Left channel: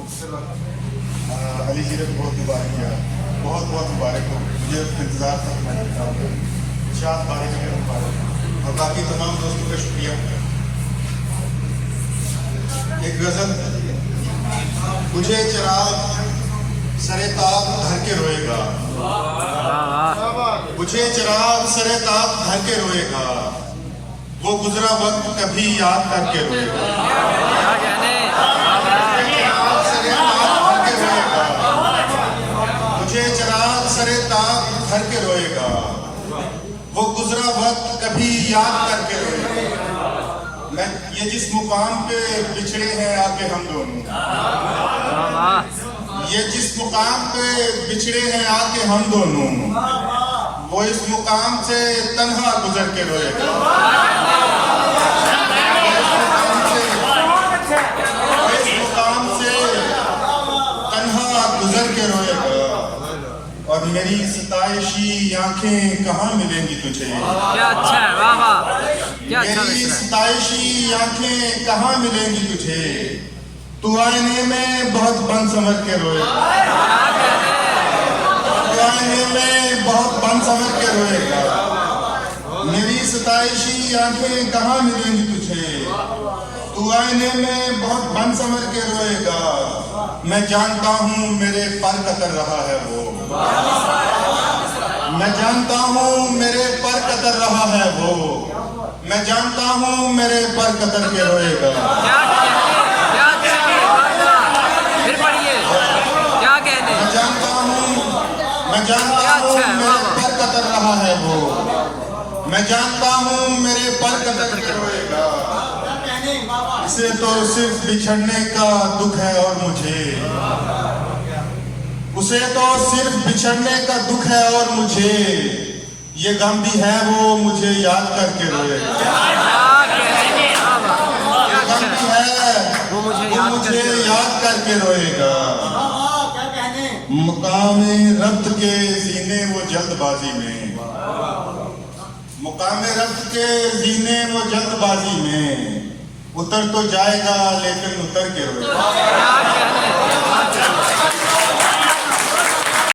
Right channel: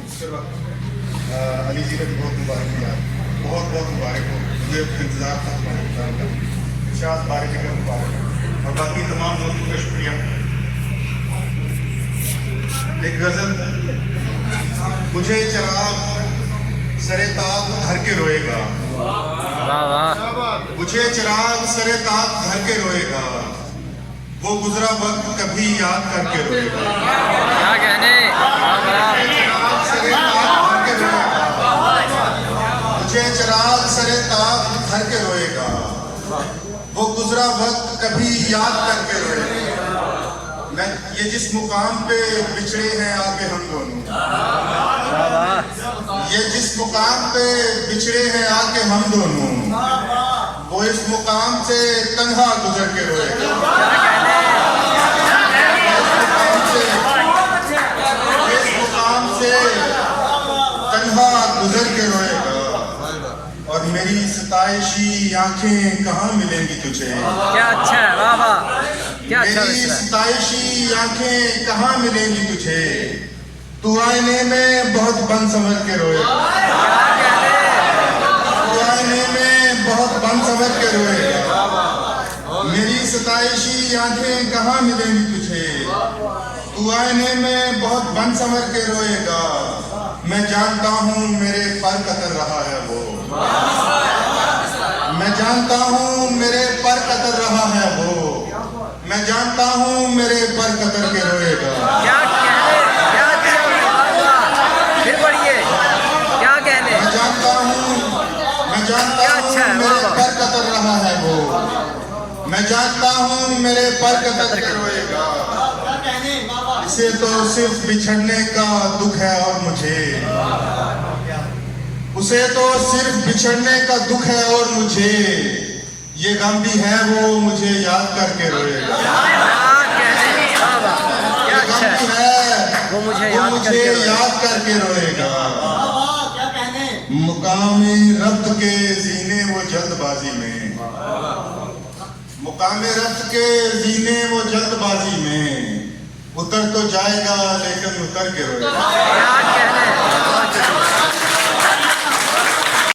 अली जी ने बहुत मुबारक किया, बहुत बहुत मुबारक हो। मुझे इंतज़ार था तुम्हारे प्रोग्राम का। शाद बारी जगह मुबारक और बाकी तमाम दोस्तों का शुक्रिया। एक गज़ल, मुझे चिराग सरे ताप धर के रोएगा, मुझे चिराग सरे ताप धर के रोएगा, वो गुजरा वक्त कभी याद करके रोएगा। क्या कहने, मुझे चिराग सरे ताप धर के रोएगा, वो गुजरा वक्त कभी याद करके रोएगा। मैं ये जिस मुकाम पे बिछड़े हैं आके हम दोनों, ये जिस मुकाम पे बिछड़े हैं आके हम दोनों, वो इस मुकाम से तन्हा गुजर के रोएगा। इस मुकाम से तन्हा गुजर के रोएगा। और मेरी सताइशी आंखें कहाँ मिलेंगी तुझे? क्या अच्छा है, वाह वाह, क्या अच्छा मेरी है। सताइशी आंखें कहाँ मिलेंगी तुझे? तू आईने में बहुत बन संवर के रोएगा, क्या कहने, तू आईने में बहुत बन संवर के रोएगा। मेरी सताइशी आंखें कहाँ मिलेंगी तुझे? तू आईने में बहुत बन संवर के रोएगा। मैं जानता हूँ मेरे पर कतर रहा है वो, मैं जानता हूँ मेरे पर कतर रहा है वो, मैं जानता हूँ मेरे पर कतर के रोएगा। क्या कहने, क्या अच्छा है, वाह वाह, फिर पढ़िए, क्या कहने, मैं जानता हूँ क्या अच्छा है, वाह मेरे वाह। पर कतर रहा है वो, मैं जानता हूँ मेरे पर कतर के रोएगा। इसे तो सिर्फ बिछड़ने का दुख है और मुझे, उसे तो सिर्फ बिछड़ने का दुख है और मुझे ये गम भी है वो मुझे याद करके रोएगा। क्या कहने, वाह वाह, क्या ये अच्छा गम भी है, है वो मुझे वो याद मुझे करके रोएगा। याद करके रोएगा। मुकामे रब्त के जीने वो जल्दबाजी में, मुकामे रब्त के जीने वो जल्दबाजी में, उतर तो जाएगा लेकिन उतर के रोएगा। क्या कहने, वाह।